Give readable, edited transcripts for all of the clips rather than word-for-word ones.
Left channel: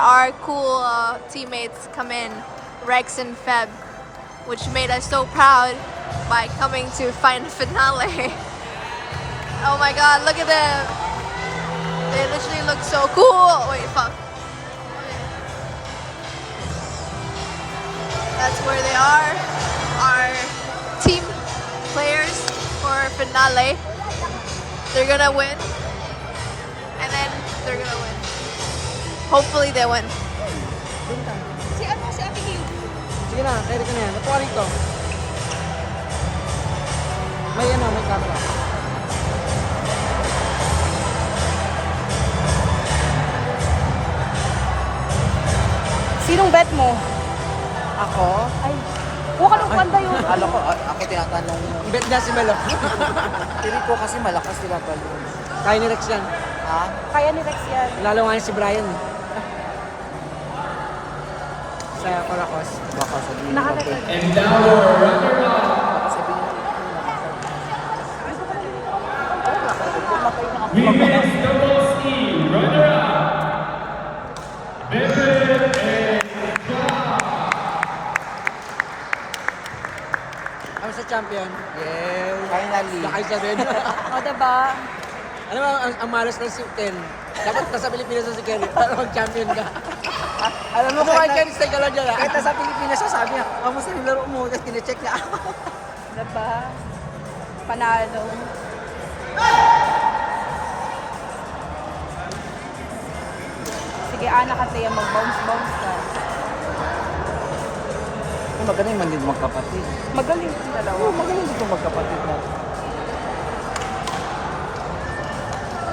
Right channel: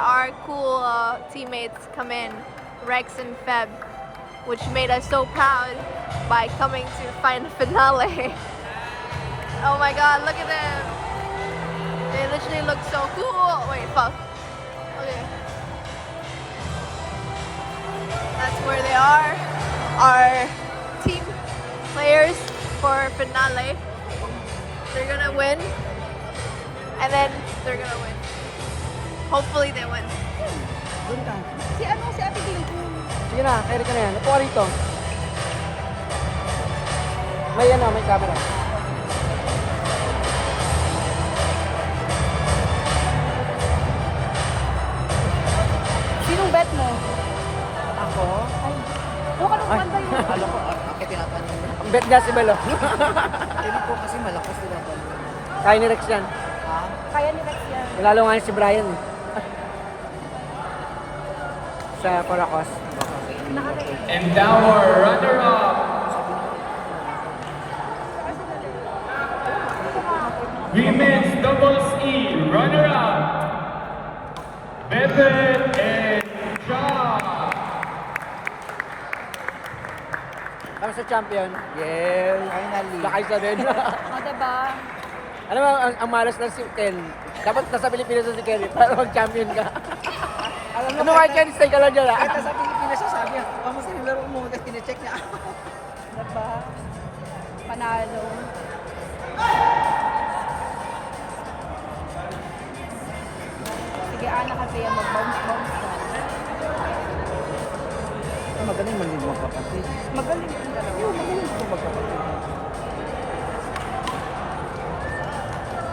our cool teammates come in, Rex and Feb, which made us so proud by coming to final finale. Oh my god, look at them. They literally look so cool. Wait, fuck. Okay. That's where they are. Our team players for finale. They're gonna win. And then they're gonna win. Hopefully they win. Si Ate King. Sige na, Eric na yan. Ito rito. May may camera. Sinong bet mo? Ako? Huwag ka nung kanta yun. Akala ko, ako tinatanong. Bet niya si Melo. Hindi ko kasi malakas sila pala. Kaya ni Rex yan. Ha? Kaya ni Rex yan. Lalo nga si Brian. Sa mga panglakas. Nakakaya. And now our runner-up. Women's doubles E runner-up. Bebe and John. Ako si champion. Yes. Finally. Nakay siya rin. O, diba? Alam mo, ang malas na si Ken. Dapat nasa Pilipinas na si Ken. Para mag-champion ka. Alam mo, Ano kahit Ken, stay ka lang dyan. kahit nasa Pilipinas siya, sabi niya, kamusta yung laro mo? Tapos tine-check niya ako. Diba? Panalo. Sige, anak kasi yung mag-bounce ka. Magaling man din magkapatid. Magaling yung dalawa. Magaling din magkapatid.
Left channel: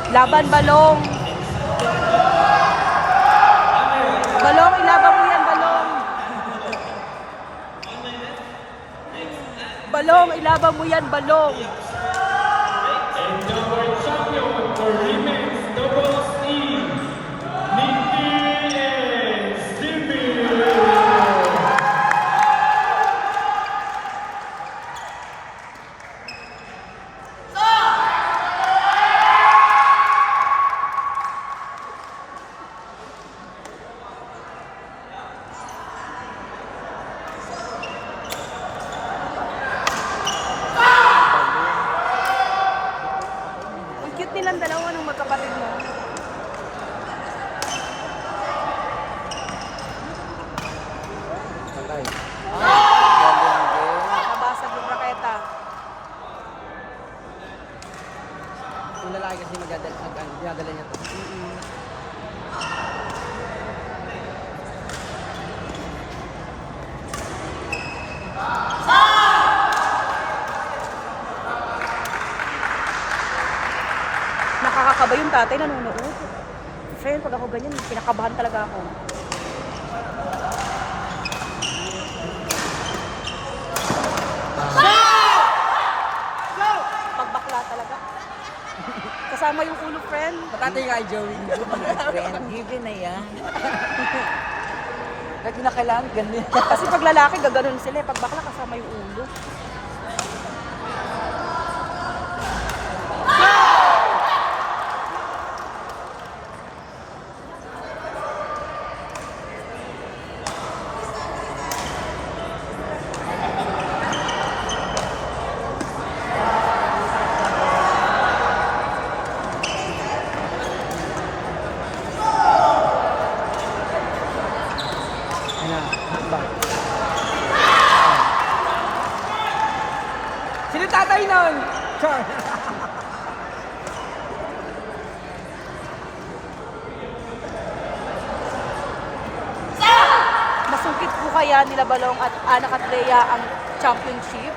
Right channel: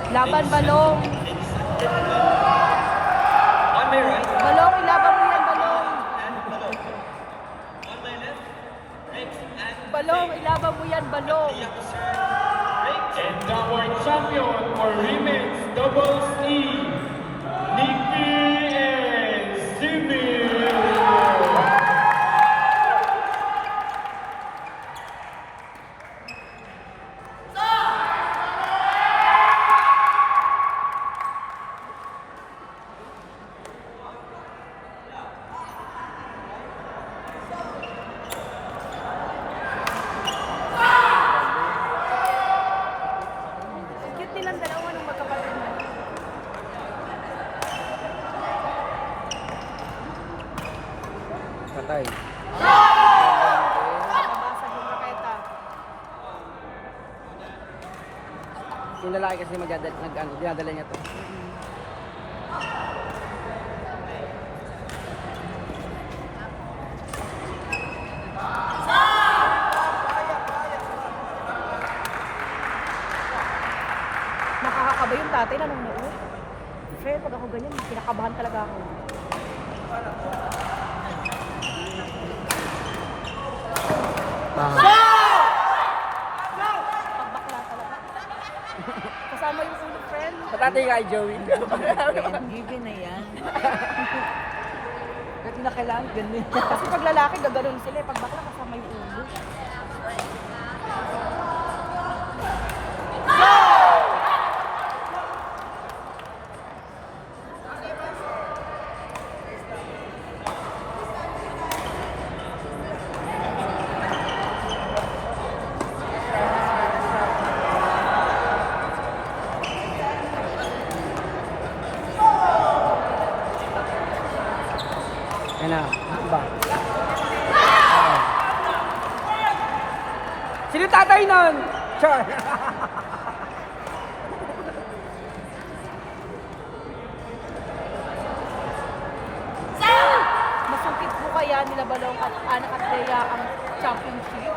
Laban, Balong. Balong, ilabang mo yan, Balong. Balong, ilabang mo yan, Balong. And now our champion for women's doubles E, Nikki and Stevie. Ang cute nilang dalawa ng magkapatid mo. Nabasag yung raketa. Yung lalaki kasi dinadala niya. Nakakakaba yung tatay nanonood. Friend, pag ako ganyan, kinakabahan talaga ako. Pagbakla talaga. Kasama yung ulo, friend. Matatay ka kay Joey. Friend, given na yan. Kahit na kailangan, ganun. Kasi pag lalaki, gaganon sila. Pag bakla, kasama yung ulo. Sino tatay nun? Char. Masukit po kaya nila Balong at Anak at Rhea ang championship?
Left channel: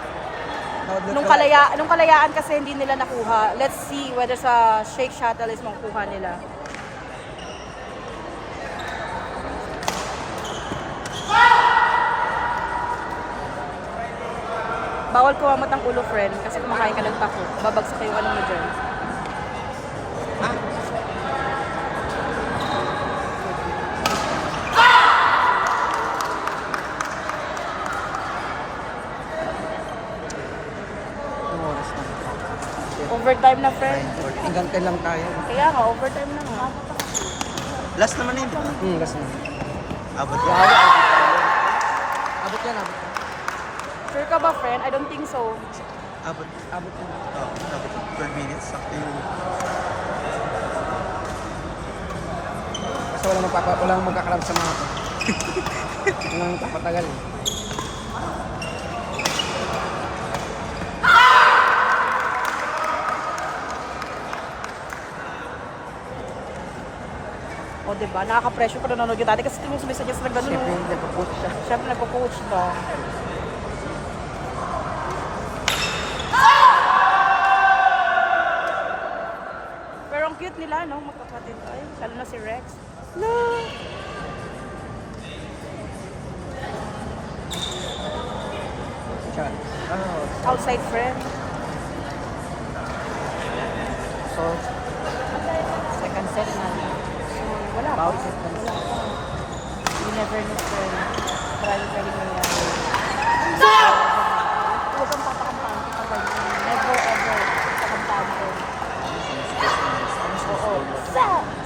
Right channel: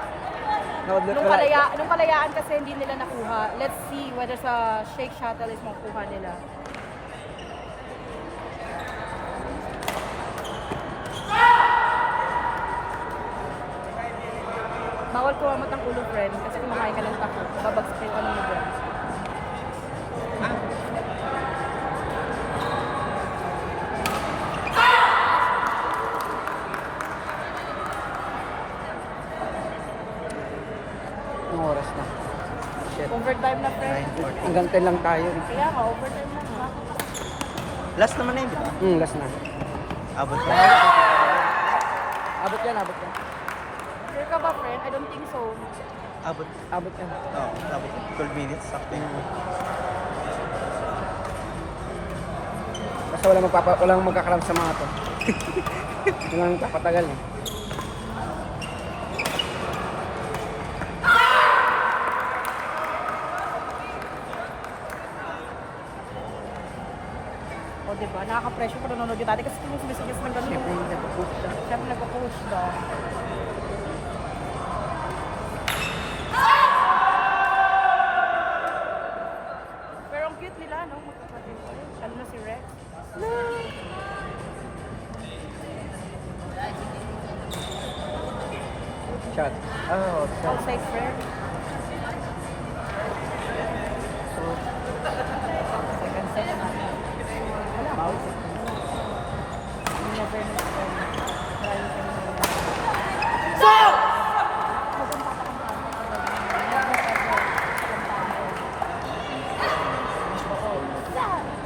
Nung kalayaan kasi hindi nila nakuha. Let's see whether sa Shake Shuttle is makuha nila. Bawal kumamat ang ulo, friend, kasi kumakain ka ng tako. Babagsak yung ano mo dyan. Overtime na, friend. 9:40. Hanggang 10 lang tayo. Kaya ka, overtime na nga. Last naman na yun, di ba? Last na. Abot na. Abot yan, abot. Sure ka ba, friend? I don't think so. Abot. Abot yan. Oo, abot. 12 minutes. Sakto. Kasi walang magkakalam sa mga to. Yung kakatagal eh. O, diba? Nakaka-pressure pa nanonood yung dati kasi ito yung sumisagyan ng ganun. Siyempre yung nag-push siya. Siyempre nagpo-coach ba? Pero ang cute nila, no? Magkapatid tayo. Lalo na si Rex. No! Siya. Outside friend. Second set na. Wala. You never know friend. Marami pa rin nangyayari.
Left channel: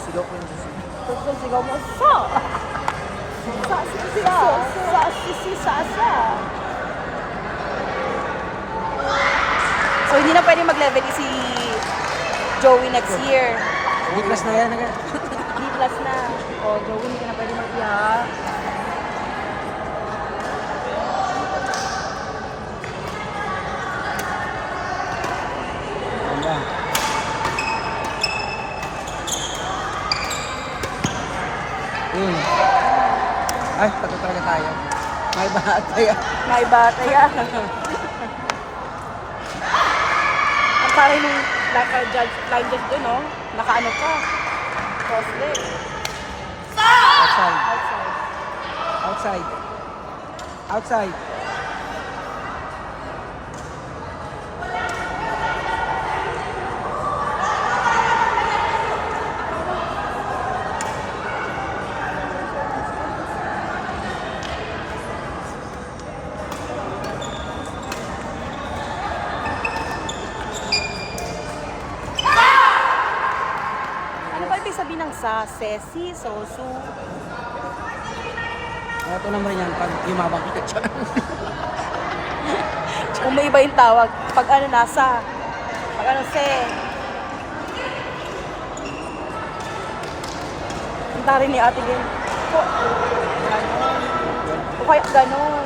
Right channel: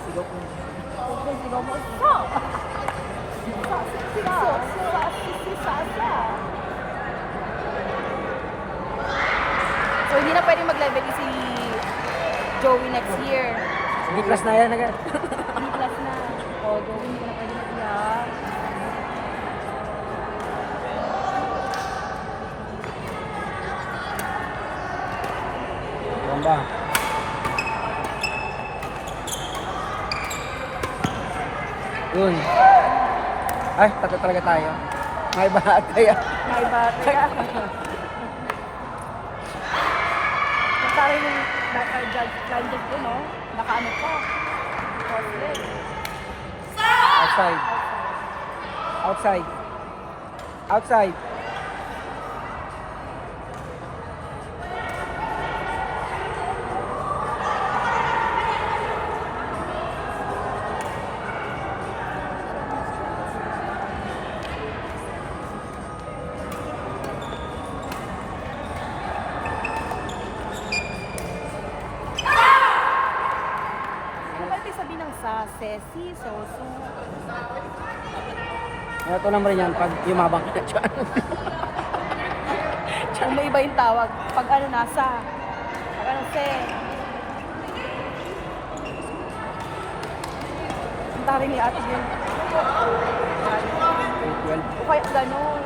Sigaw ko. Tugtog sigaw mo. Sa! Sa! So hindi na pwede mag-level E si Joey next year. Big class na yan agad. B plus na. O, Joey hindi na pwede mag-level. Ayan. Yun. Ay, takot talaga tayo. May bahat tayo. May bata yan. Parang yung naka-judge, blind judge doon, no? Naka-ano ka? Crosslet. Outside. Outside. Outside. Ano ba ibig sabihin ng sa, sesi, sosu? Ito naman yan pag yumabang ka dyan. Kung may iba yung tawag, pag ano nasa, pag ano se. Ang tari ni ate Gen. O kaya gano'n.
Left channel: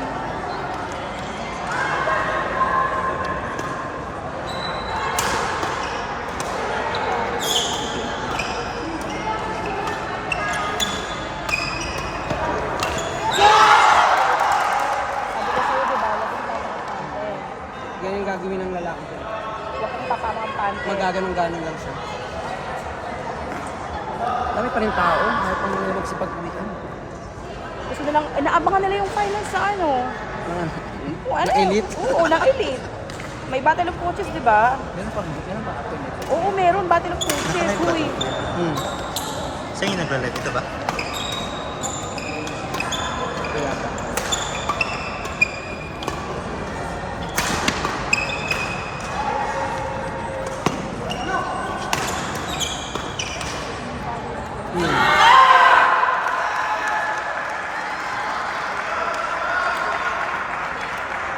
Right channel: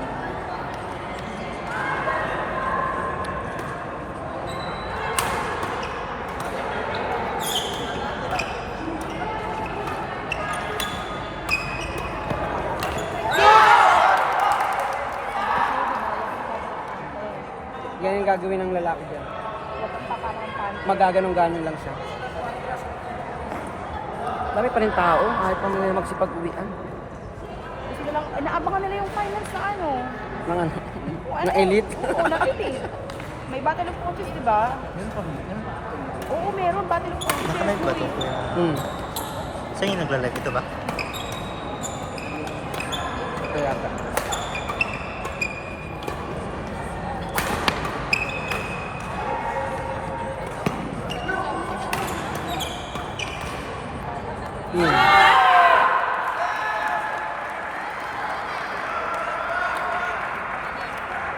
Yan yung gagawin ng lalaki. Magaganong-ganon lang siya. Dami pa rin tao. Mga pang magsipag-uwian. Gusto nilang, inaabangan nila yung final sa ano. Mga Ano? na elite. Oo, na elite. May battle of coaches, di ba? Oo, meron. Battle of coaches. Nakalive ba ito? Uy. Hmm. Saan yung nagla-live? Ito ba? Kaya.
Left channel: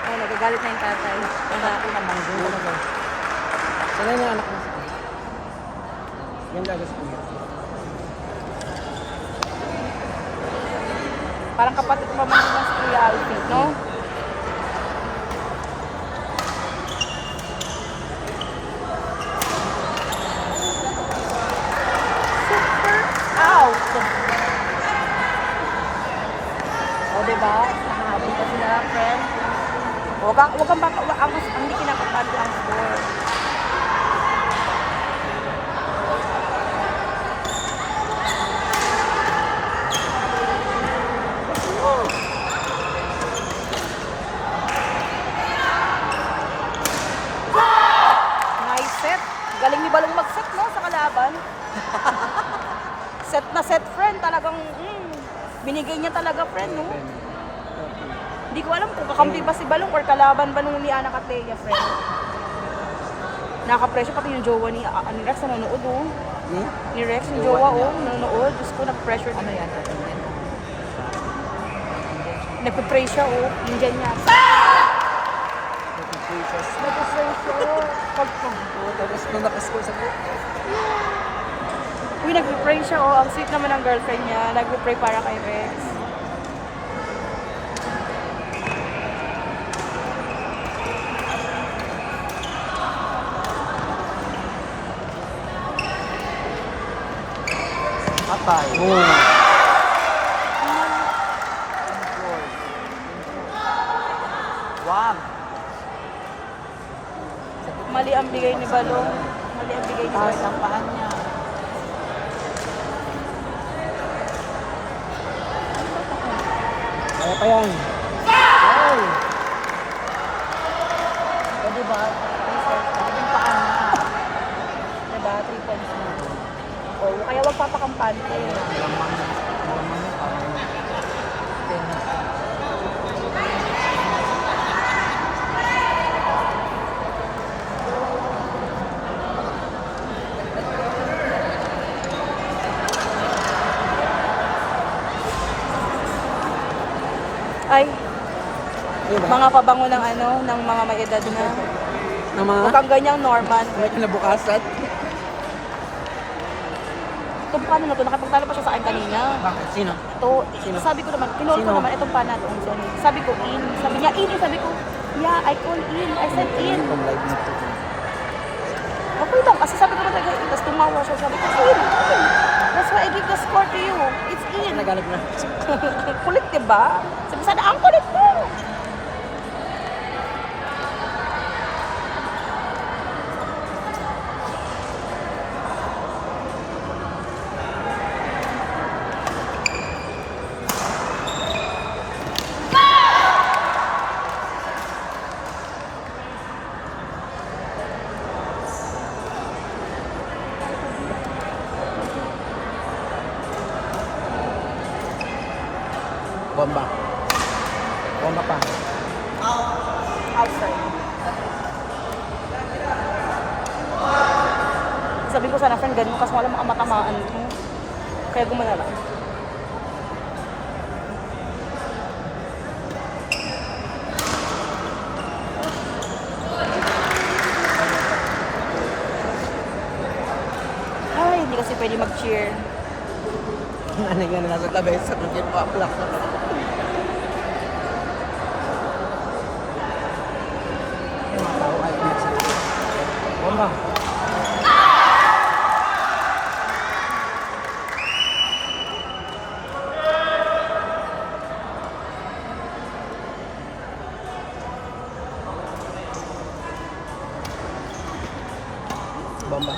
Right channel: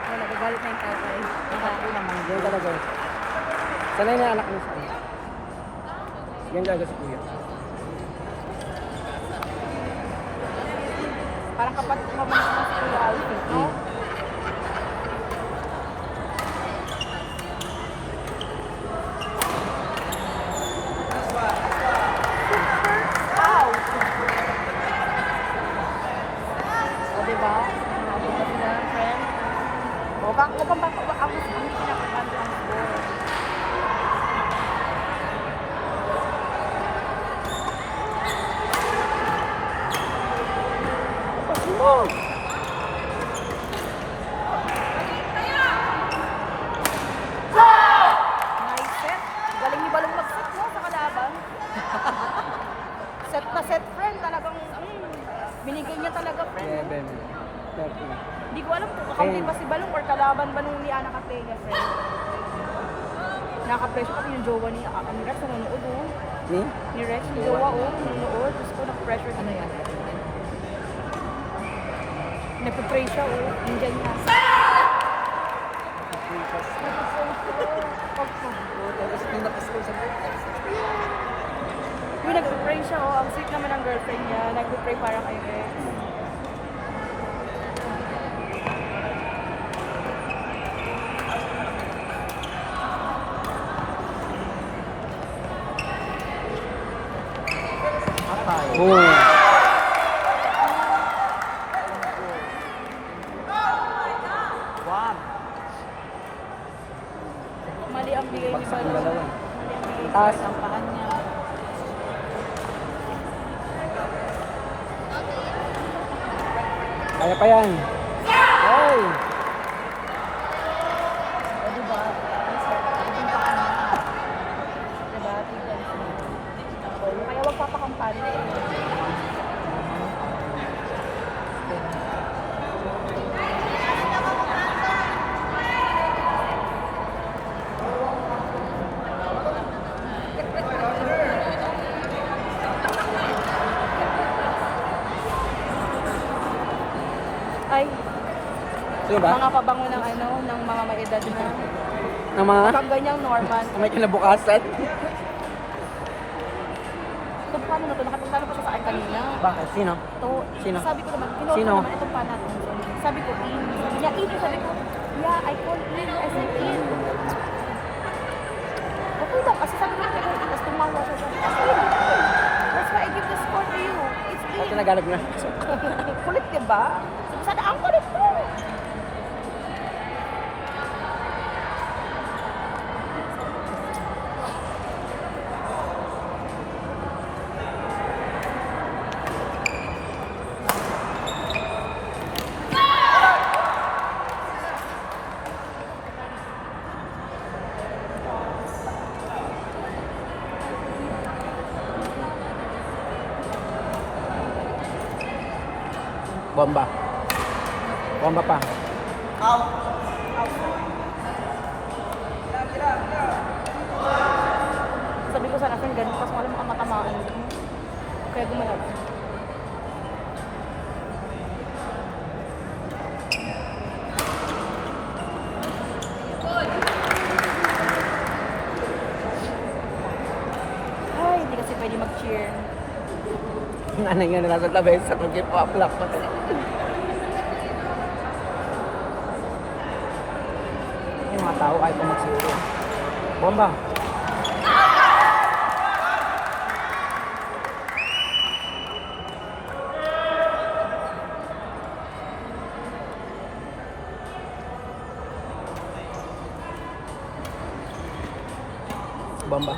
Ay, nagagalit na yung tatay. Ay, natin. Sana yung anak mo si Kuya. Yan talaga si Kuya. Parang kapatid mo naman sa Kuya Alvin, no? Out! O, diba? Huwag kang makakapos, hindi kinakakalaan. Nice set. Galing ni Balong mag-set, no? Sa kalaban. Set na set, friend. Talagang, binigay niya talaga, friend, no? Hindi ko alam kung kakampi ba si Balong or kalaban ba nung ni Ana Capella, friend. Nakaka-pressure pati yung jowa ni Rex na nanood, oh. Ni Rex, yung jowa, oh, nanonood. Diyos ko, nag-pressure na yan. Nagpipray siya, oh. Nandiyan niya. Nagpipray siya. Tapos nung nakascore sa Uy, nagpipray siya, oh. Ang sweet naman ng girlfriend niya. Nagpipray para kay Rex. Wow. Mali ang bigay ni Balong. Mali ang bigay ni Rex. Ang pahan niya. Ano pa yan? Diba? 3 points na. Oh, kaya wag patakampante. Ay, Diba? mga pabango ng ano, ng mga may edad na. Ang mga Mukhang ganyang Norman. may kinabukasan. Ito paano na to? Nakapagtalo pa siya sa akin kanina. Bakit? Sino? Ito, Sino? sabi ko naman, pinuha Sino? ko naman itong pan natin. Sabi ko in. Sabi niya in. Sabi ko, yeah, I can in. I said in. Okay lang, kasi sabi ko na tag-in. Tapos tumawa siya. Sabi ko, in. That's why I give the score to you. It's in. Naghanap lang. Kulit, diba? Sabi sana, ang kulit mo. Bomba. Bomba pa. Sabi ko sana, friend, ganun. Kasi wala makamatamaan. Kaya gumalala. Ay, hindi kasi pwede mag-cheer. Ano nga na sa tabi sa kagit pa. Bomba. Bomba.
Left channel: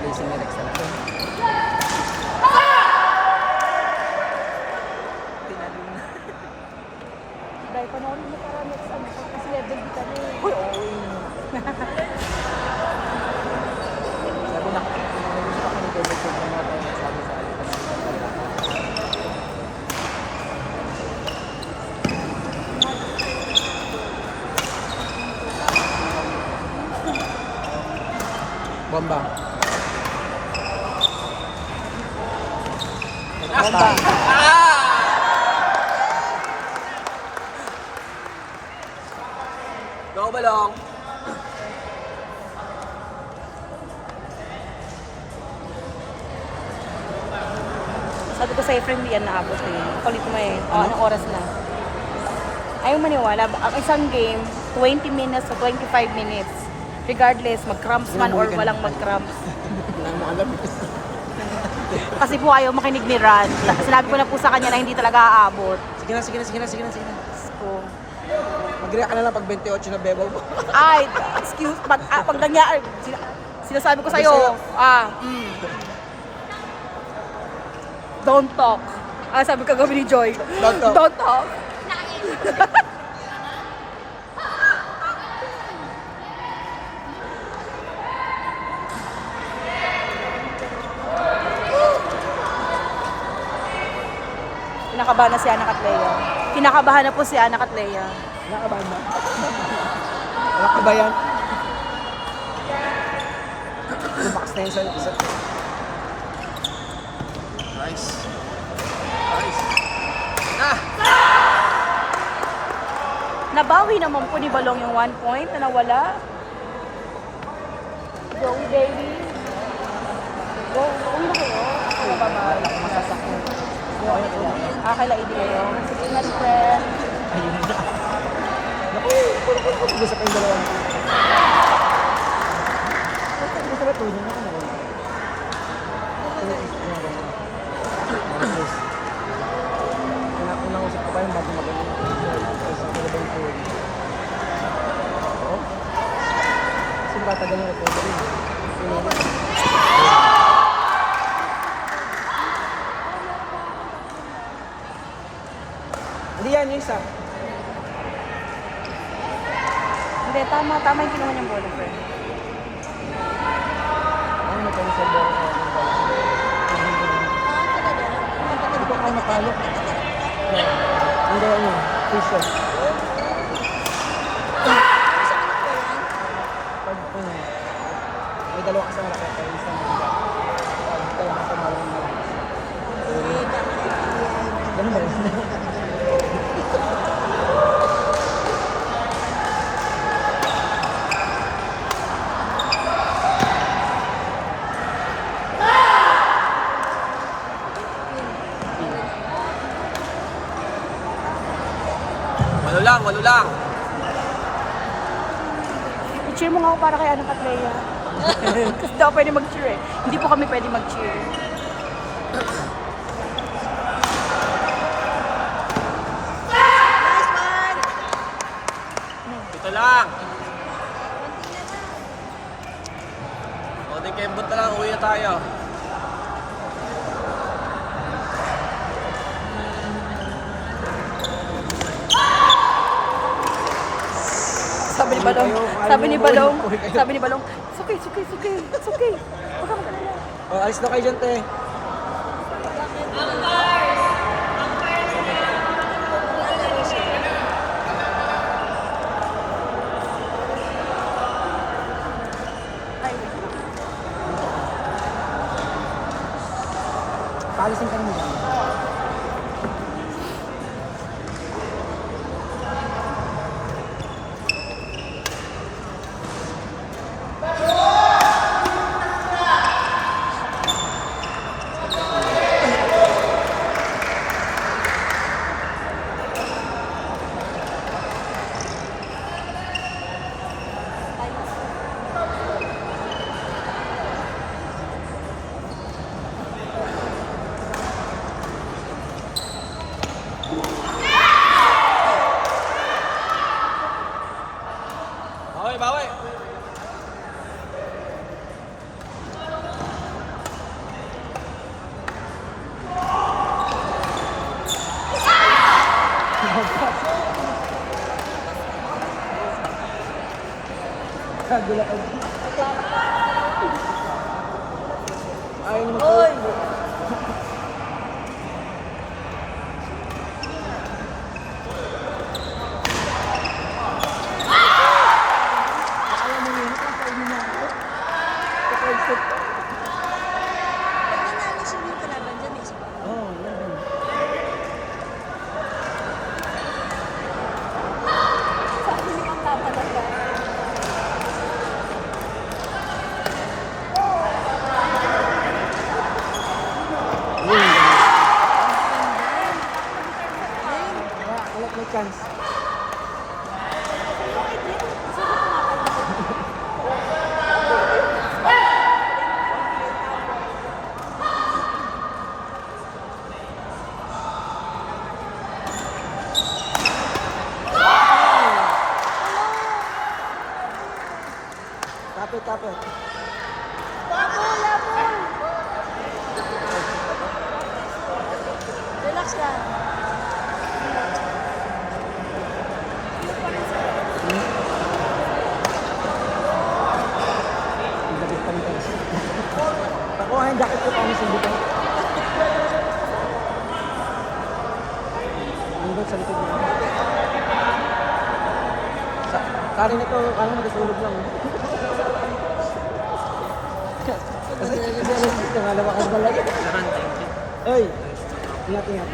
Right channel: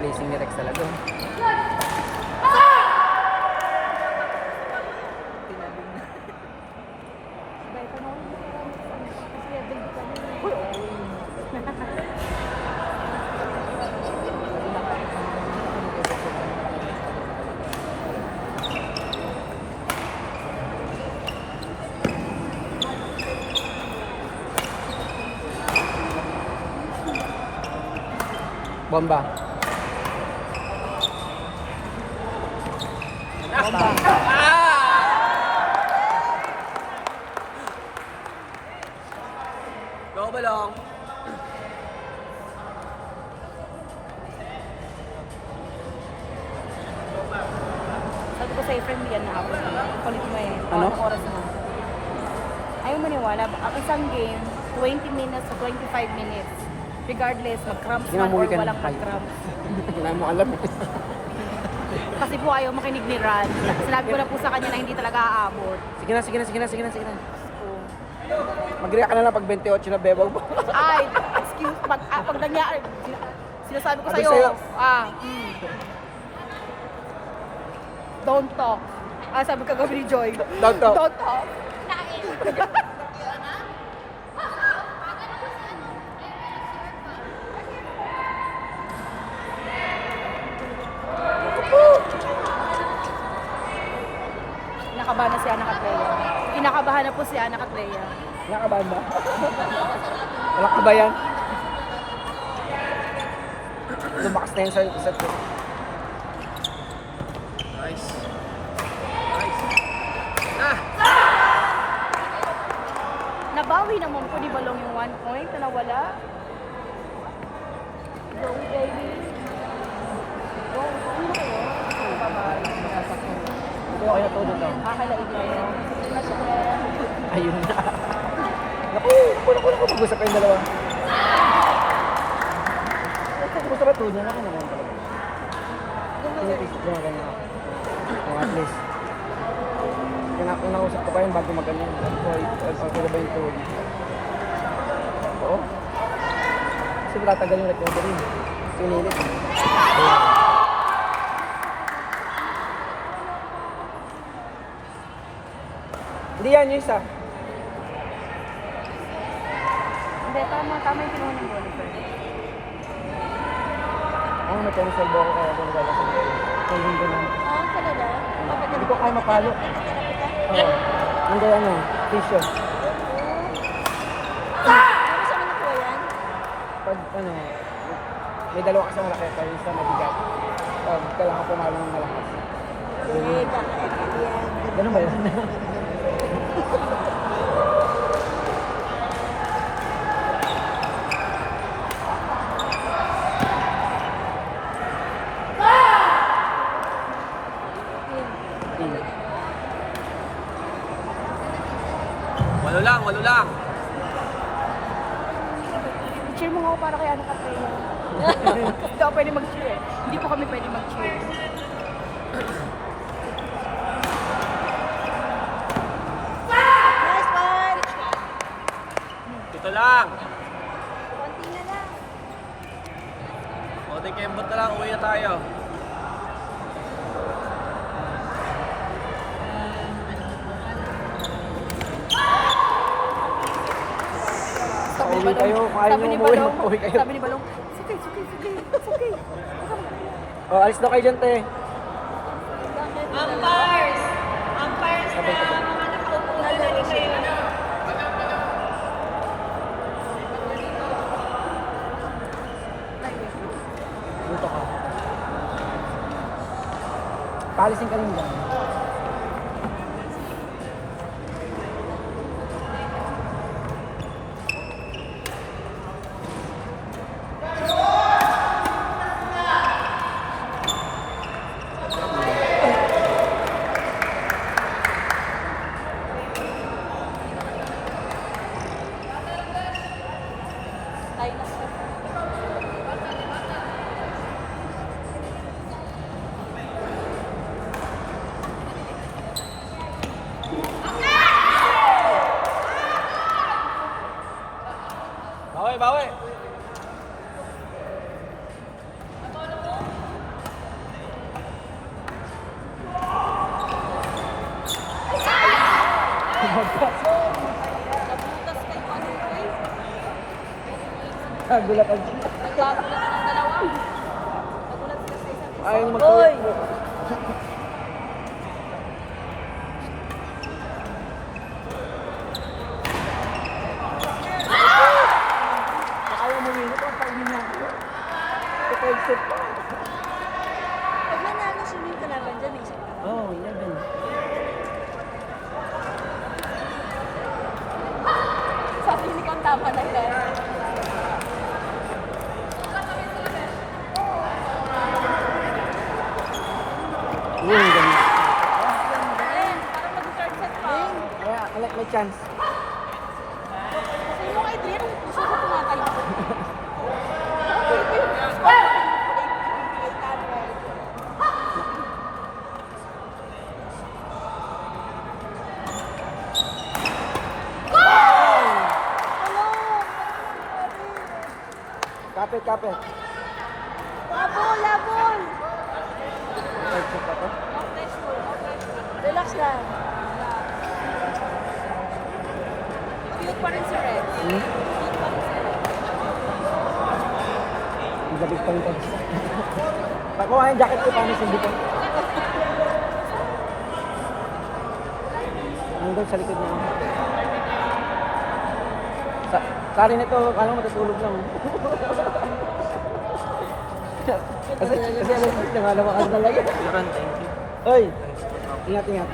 Placing ni Rex talaga. Dahil pa na ulit. Kasi level ko tayo. Bomba. Go Balong. Sabi ko sa'yo, friend, yan na ako sa'yo. Palit mo eh. Anong oras na? Ayaw maniwala. Ang isang game, 20 minutes to 25 minutes. Regardless, mag-cramps man or walang mag-cramps. Hindi namin alam. Kasi po ayaw makinig ni Ran. Sinabi ko na po sa kanya na hindi talaga aabot. Sige na, sige na, sige na, sige na, sige na. So, Mag-react ka na lang pag 28 na bebaw mo. ay, excuse, pag nangyari, sinasabi ko sa'yo, don't talk. Sabi ko kagabi ni Joy, Don't talk. don't talk. kinakabahan na si Anak at Leia. Kinakabahan na po si Anak at Leia. Nakabahan ba? Nakabayan? Tumakas na yun sa isa't. Nice. Nice. Ah! Nabawi naman po ni Balong yung 1 point na nawala. Go, Davey. Okay lang ibigay. Next friend. Ayun na. Gusto kayong dalawa. Gusto ka tuloy na. Kung ko kayo, bakit magaling? Kasi tatagal na ito rin. Pinilit. Hindi yan yung isa. Hindi, tama yung kinuha niyang ball. Ano mo tayo sa iba? Hindi ko kaya makalo. Yung gawa mo, facial. Pag ano, may dalawa ka sa mga kaya sa mga kaya. Kaya ka sa mga ganun ba? Walo lang. I-cheer mo nga ako para kay Anak at Leia. Kasi daw pwede mag-cheer eh. Hindi po kami pwede mag-cheer. Ito lang. Konting kembot na lang, uwi na tayo. Sabi ni Balong, it's okay. Oh, alis na kayo dyan, te. Paalisin ka muna. Bawi. Kagula ka dyan. Ayaw mo ko. Chance. Kapit. Relax lang. Nakuha yung jacket ko, panisin dito. sa likod mo. Karin ito, natutulog na. Kasi nalawakan mo lang. Ay! Ingat.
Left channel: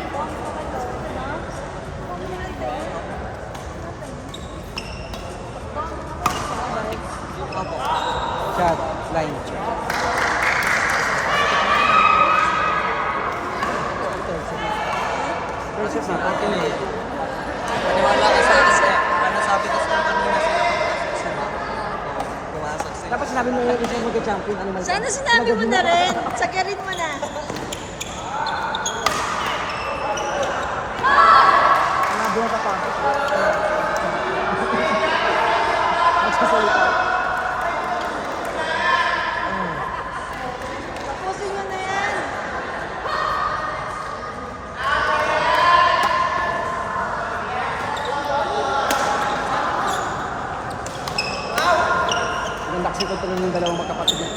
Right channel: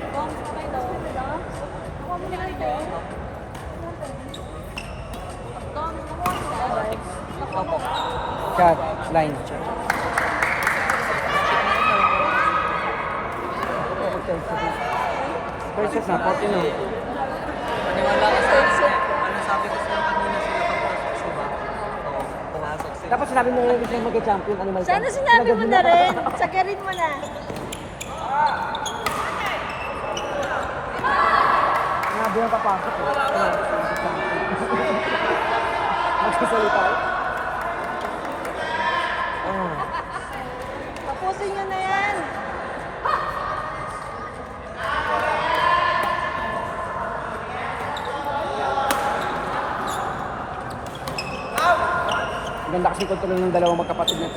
Shot, line, shot. Versus na, atin eh. Paniwala ka sa akin. Ano sabi ko sa'yo kanina sila papasok sa ba? Oo, pumasok sila. Dapat sinabi mo yung gusto yung mag-champion. Sana sinabi mo na rin. Sakarin mo na. Pusin nyo na yan. Ganda kasi ko yung dalawang magkapatid na.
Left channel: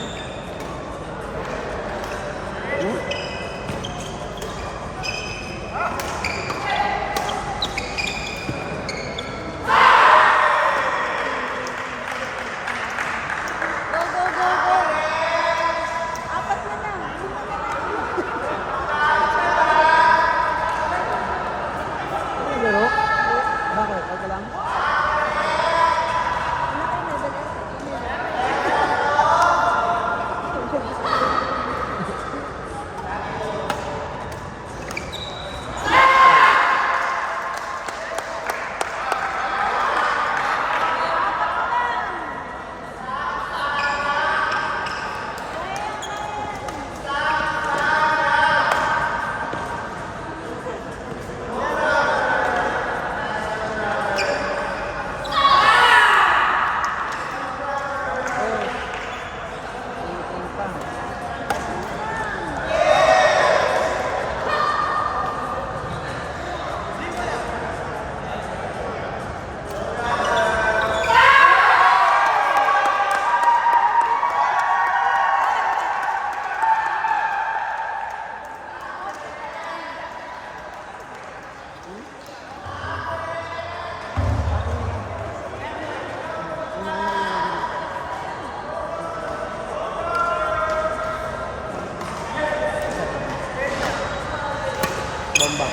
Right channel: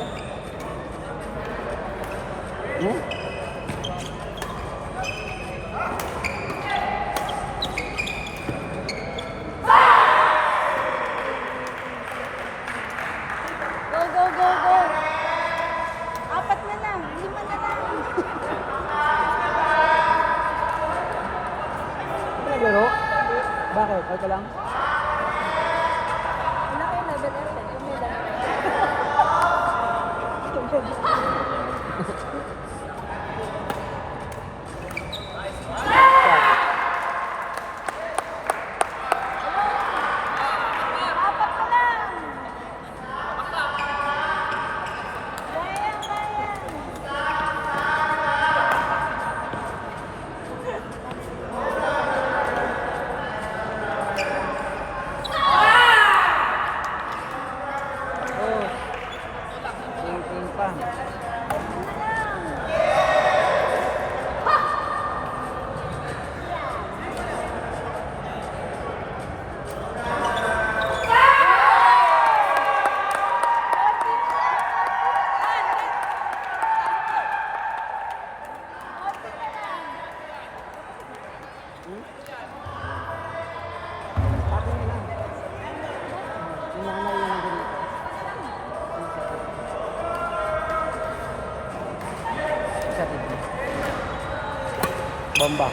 Go, go, go, go. Apat na na. Ano? Bakit? Okay lang? Bomba.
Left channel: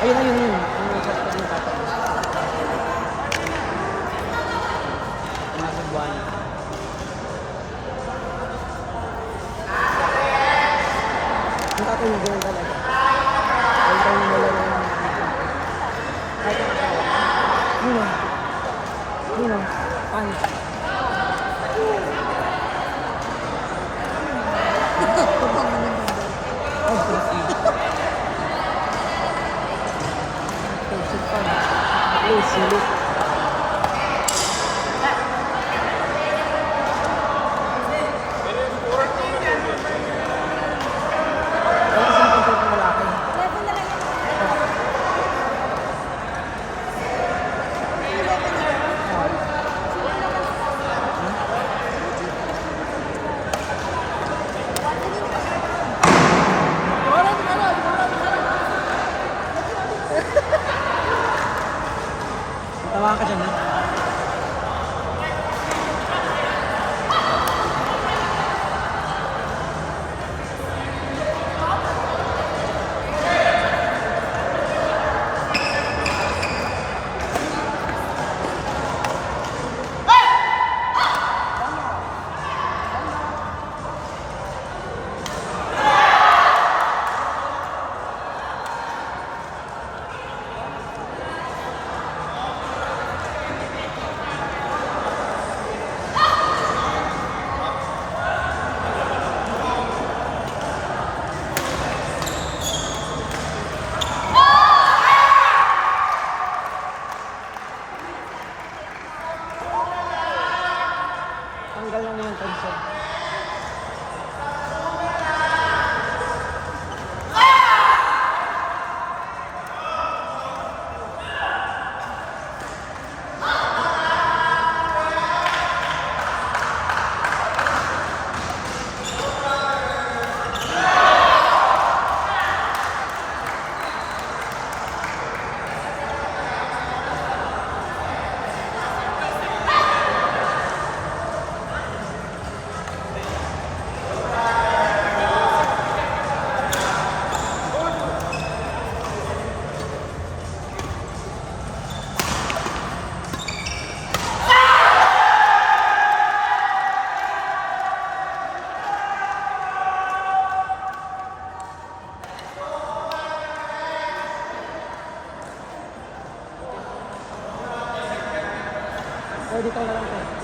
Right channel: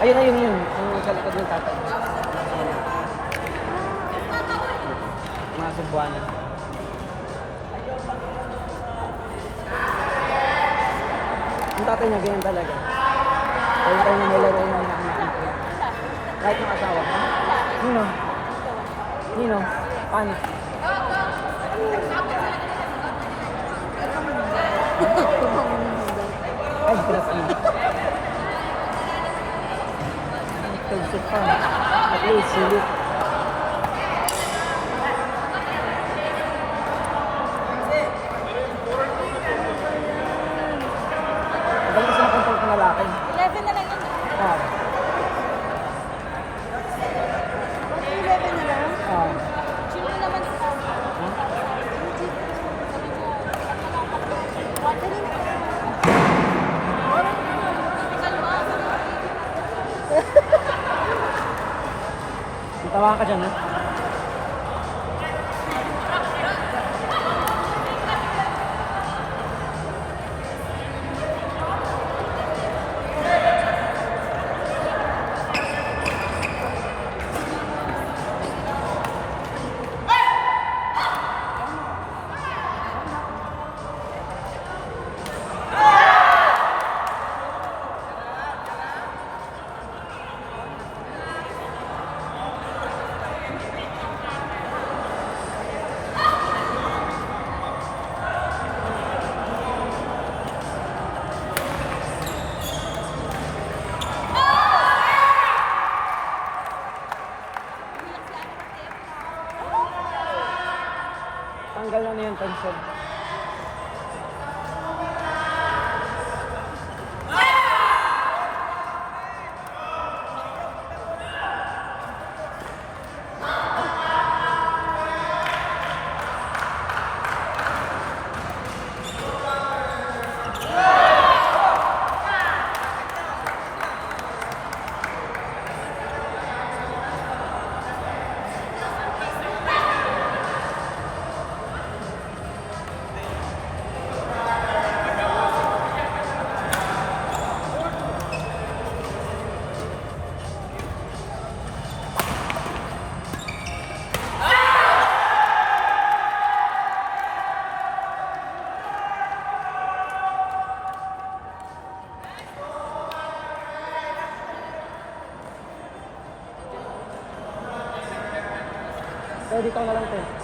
Ayun. Ang katabi yung katabi. Hindi ako naging talaga. Ayaw ko na malaro ng mga dito. Kahit ito sa mga. Nino. Ano? Ay, sarap na. Pag-sit ka na. Ay, silip. Tawa ka dyan, ha? Tanggal lang na yung console. Pwede ka na lang ito.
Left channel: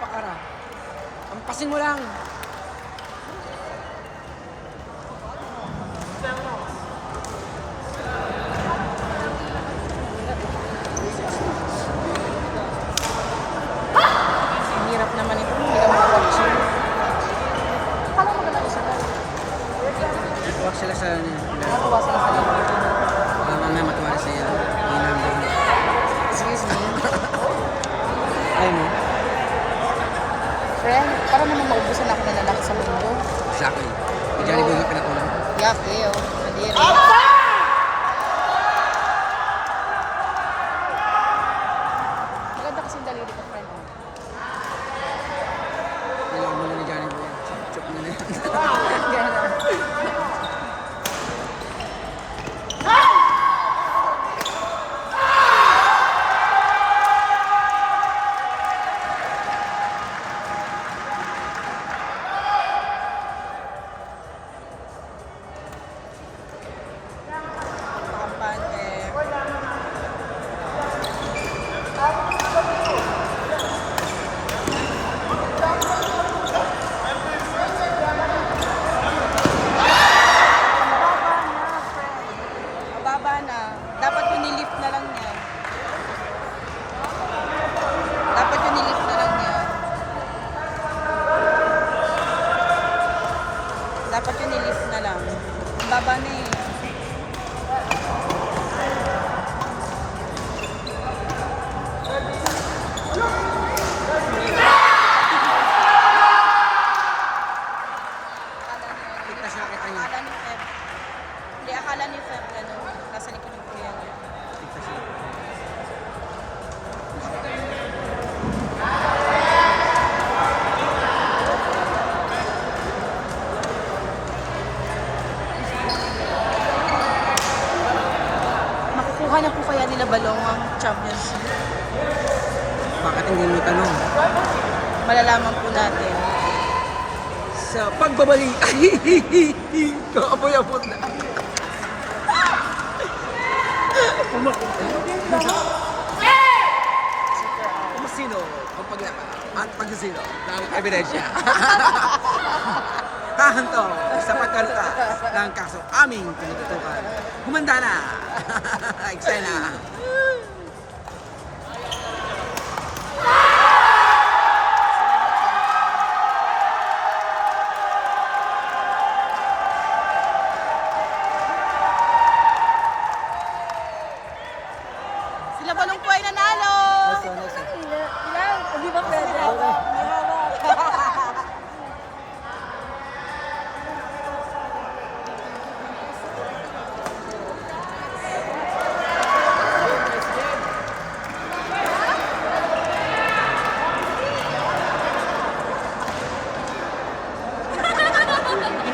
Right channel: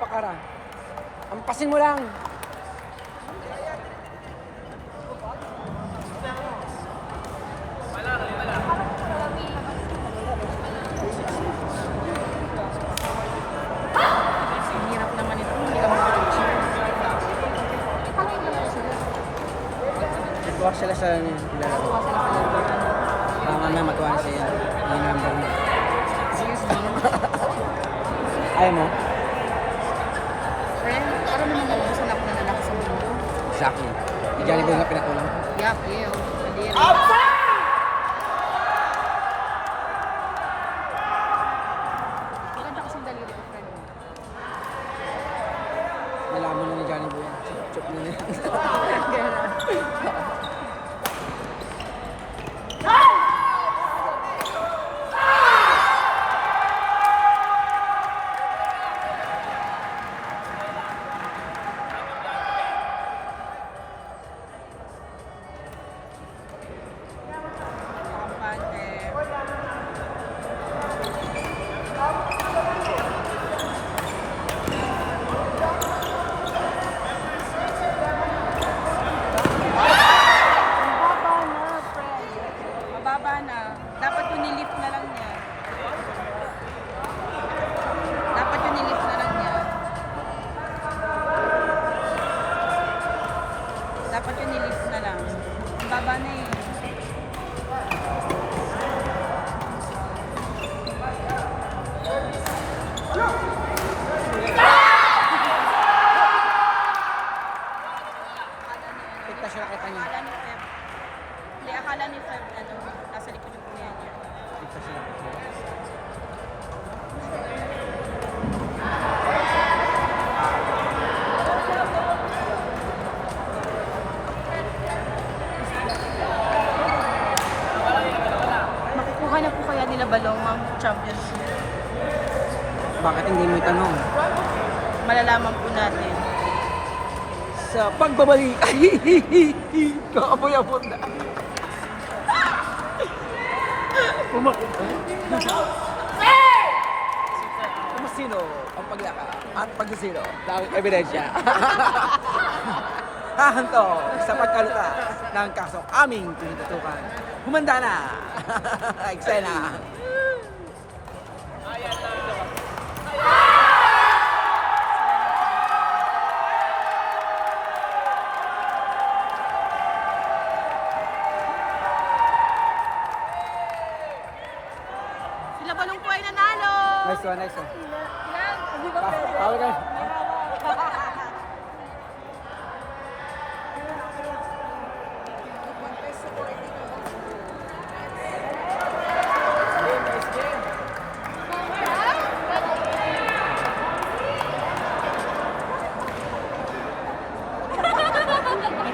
Pakara. Ampasin mo lang. Ang hirap naman ito. Hindi ka makapag-cheer. Akala mo magalaw sila. Tuwak sila sa ano. Nakatuwa sila sa lalo. Mamaya matuwa na sila. Ayun ang buong. Excuse me. Ayaw mo? Friend, para naman maubusan ako ng lalaki sa mundo. Exactly. Diyan yung pinakulong. Yaki, oh. Kadiri. Maganda kasing daliri ko, friend. Oh. Nilaman na ni Johnny Boy. Chup na na. Gana. Pampan, eh. Mababa na, friend. Mababa na. Dapat yung nilift na lang niya. Dapat yung nilift na lang niya. Dapat yung nilift na lang. Ang baba na eh. Tignan siya katanya. Akala ni Feb. Hindi, akala ni Feb, ano, nasa likod ng kuya niya. Makukuha na po kaya nila Balong ang championship? Bakit hindi may tanong? Malalaman po natin. Sa pagbabalik. Kaaboy-abot na. Masino ang paglaka at pagsisino ng ebidensya. Hahanto sa pagkalutas ng kasong aming pinitutukan. Humanda na! Eksena! Sila Balong po ay nanalo! Nice one, nice one. Ilan? Hindi ba may hawak? May hawak.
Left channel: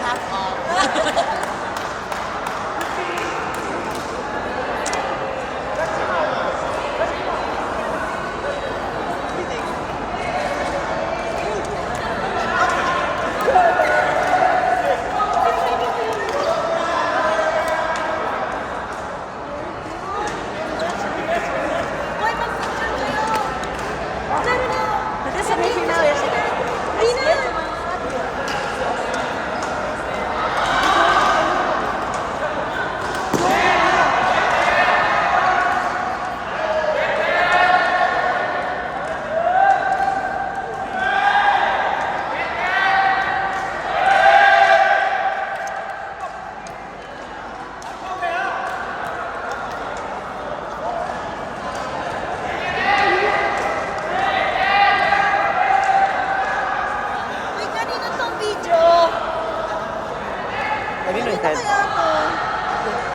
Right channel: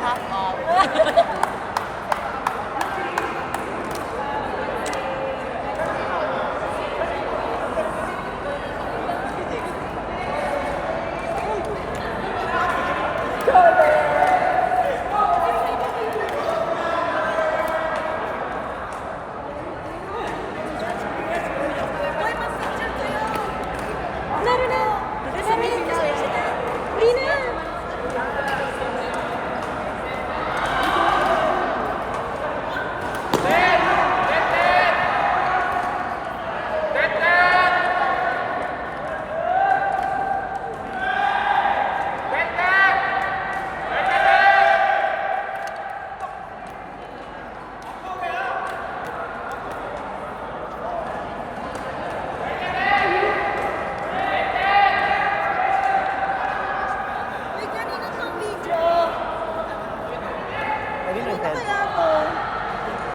Half off. Ano na kaya to?